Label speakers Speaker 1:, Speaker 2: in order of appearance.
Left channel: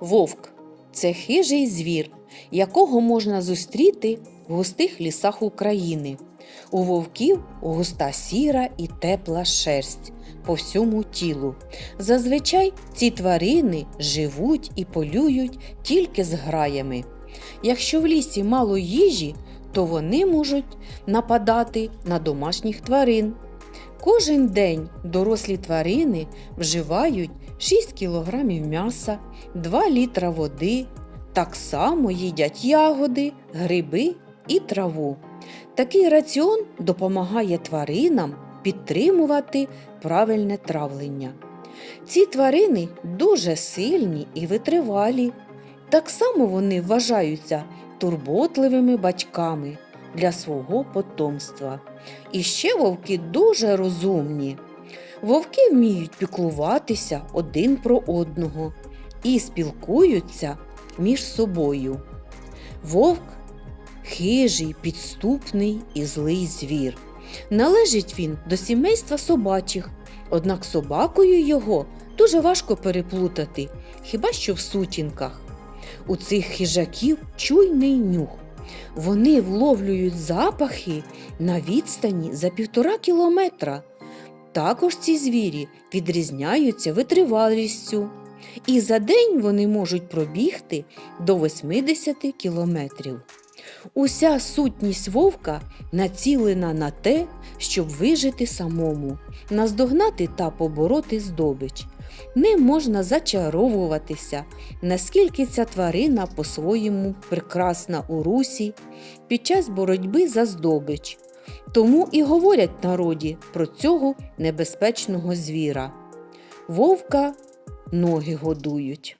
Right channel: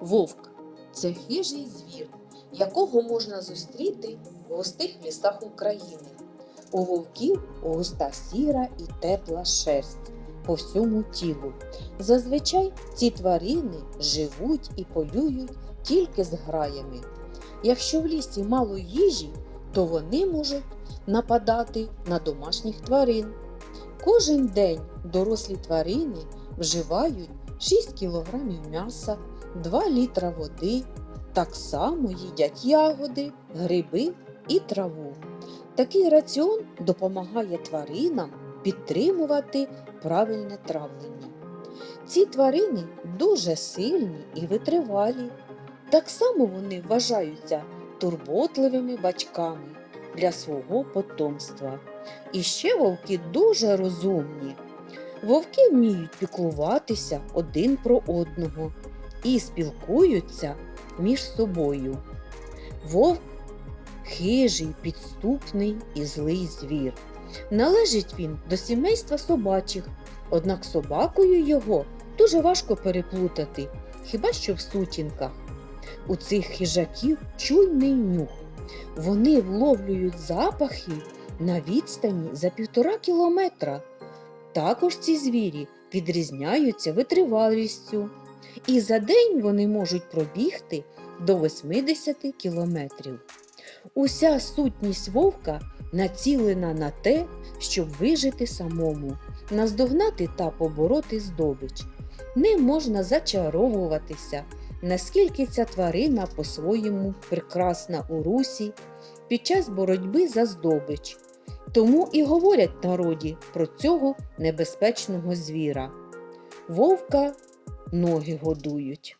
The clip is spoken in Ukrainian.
Speaker 1: Вовк це хижий звір, якого можна зустріти в густих лісах України. У вовків густа сіра і тепла шерсть по всьому тілу. Зазвичай ці тварини живуть і полюють тільки з граями. Якщо в лісі мало їжі, то вони можуть нападати на домашніх тварин. Кожен день дорослі тварини вживають 6 кг м'яса, 2 літра води, так само їдять ягоди, гриби і траву. Такий раціон допомагає тваринам підтримувати правильне травлення. Ці тварини дуже сильні і витривалі. Так само вони вважаються турботливими батьками для свого потомства. І ще вовки дуже розумні. Вовки вміють піклуватися один про одного і спілкуються між собою. Вовк хижий, підступний і злий звір. Належить він до сімейства собачих, однак собакою його дуже важко переплутати, хіба що в сутінках. У цих хижаків чуйний нюх. Вони вловлюють запахи на відстані за півтора кілометра. Також ці звірі відрізняються витривалістю, і за день вони можуть пробігти до 80 кілометрів. Уся сутність вовка націлена на те, щоб вижити самому, наздогнати та побороти здобич. Ним можна зачаровуватися, наскільки ця тварина по-своєму прекрасна у русі під час боротьби за здобич. Тому і говорять народі про цього небезпечного звіра. Вовка ноги годують.